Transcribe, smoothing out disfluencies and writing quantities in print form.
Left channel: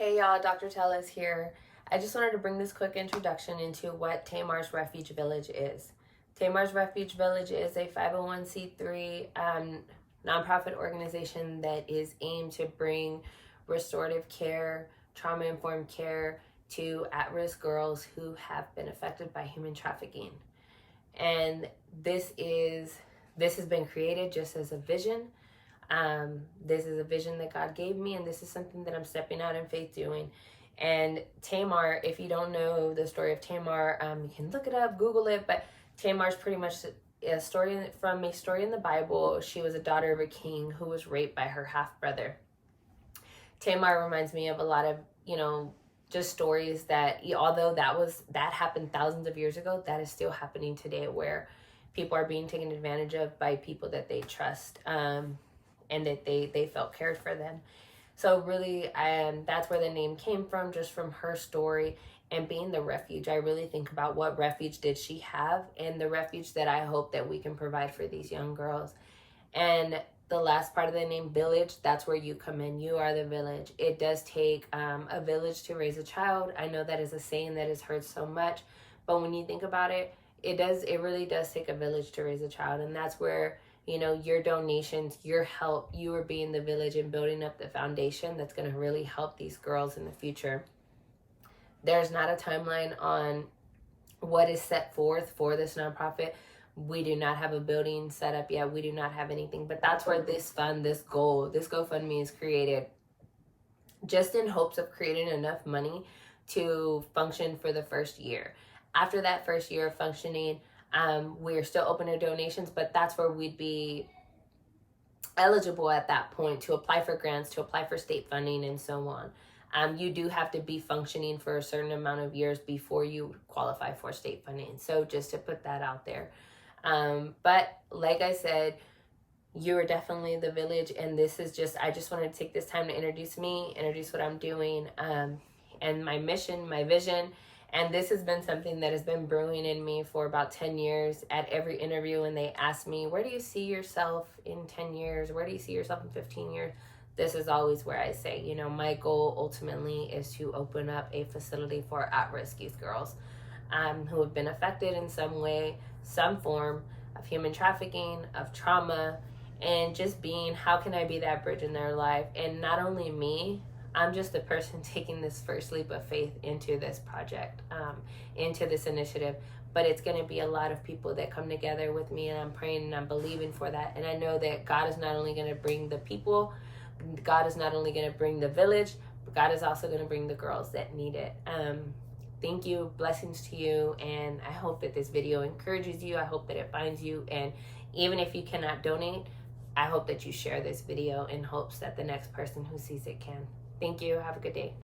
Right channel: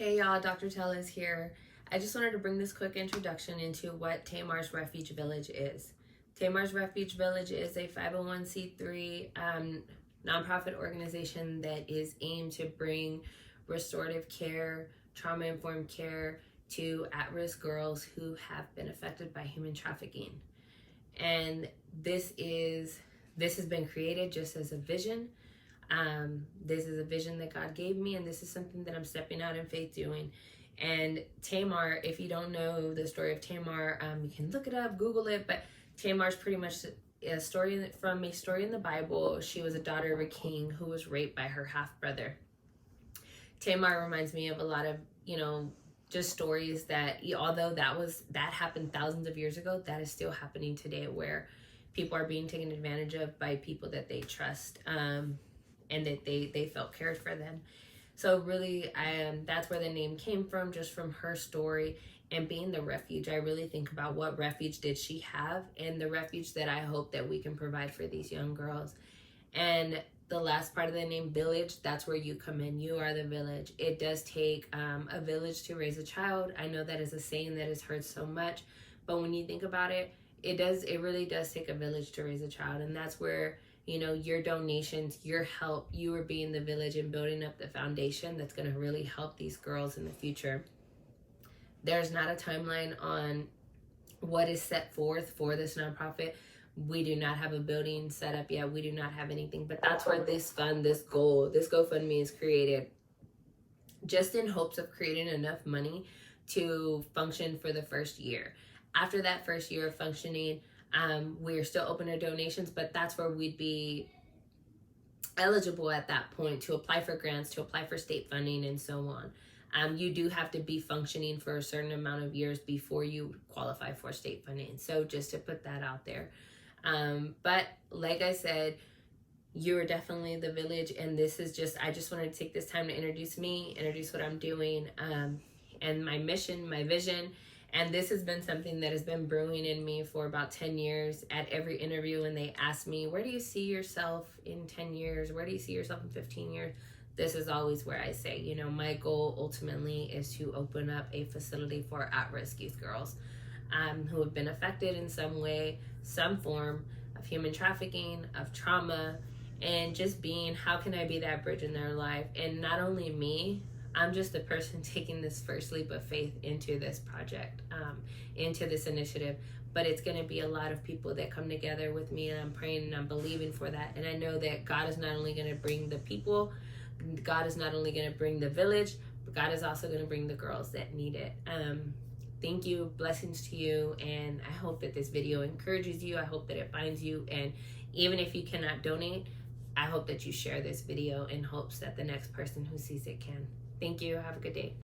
Hey y'all, Dr. Tellis here. I just wanted to bring this quick introduction into what Tamar's Refuge Village is. Tamar's Refuge Village is a 501c3 nonprofit organization that is aimed to bring restorative care, trauma-informed care to at-risk girls who have been affected by human trafficking. And this has been created just as a vision. This is a vision that God gave me, and this is something that I'm stepping out in faith doing. And Tamar, if you don't know the story of Tamar, you can look it up, Google it, but Tamar's pretty much a story in the Bible. She was a daughter of a king who was raped by her half-brother. Tamar reminds me of a lot of, just stories that, although that happened thousands of years ago, that is still happening today, where people are being taken advantage of by people that they trust. And that they felt cared for them. So really, that's where the name came from, just from her story and being the refuge. I really think about what refuge did she have, and the refuge that I hope that we can provide for these young girls. And the last part of the name, village, that's where you come in. You are the village. It does take a village to raise a child. I know that is a saying that is heard so much, but when you think about it, it really does take a village to raise a child. And that's where your donations, your help, you are being the village and building up the foundation that's going to really help these girls in the future. There's not a timeline on what is set forth for this nonprofit. We do not have a building set up yet. We do not have anything, but that's where this GoFundMe is created, just in hopes of creating enough money to function for the first year. After that first year of functioning, we're still open to donations, but that's where we'd be eligible at that point to apply for grants, to apply for state funding, and so on. You do have to be functioning for a certain amount of years before you qualify for state funding. So just to put that out there. But like I said, you are definitely the village, and I just wanted to take this time to introduce what I'm doing, and my mission, my vision. And this has been something that has been brewing in me for about 10 years. At every interview, when they ask me, where do you see yourself in 10 years? Where do you see yourself in 15 years? This is always where I say, my goal ultimately is to open up a facility for at-risk youth girls who have been affected in some way, some form of human trafficking, of trauma, and just how can I be that bridge in their life? And not only me, I'm just the person taking this first leap of faith into this project, into this initiative. But it's going to be a lot of people that come together with me, and I'm praying and I'm believing for that. And I know that God is not only going to bring the people, God is not only going to bring the village, but God is also going to bring the girls that need it. Thank you. Blessings to you. And I hope that this video encourages you. I hope that it finds you. And even if you cannot donate, I hope that you share this video in hopes that the next person who sees it can. Thank you. Have a good day.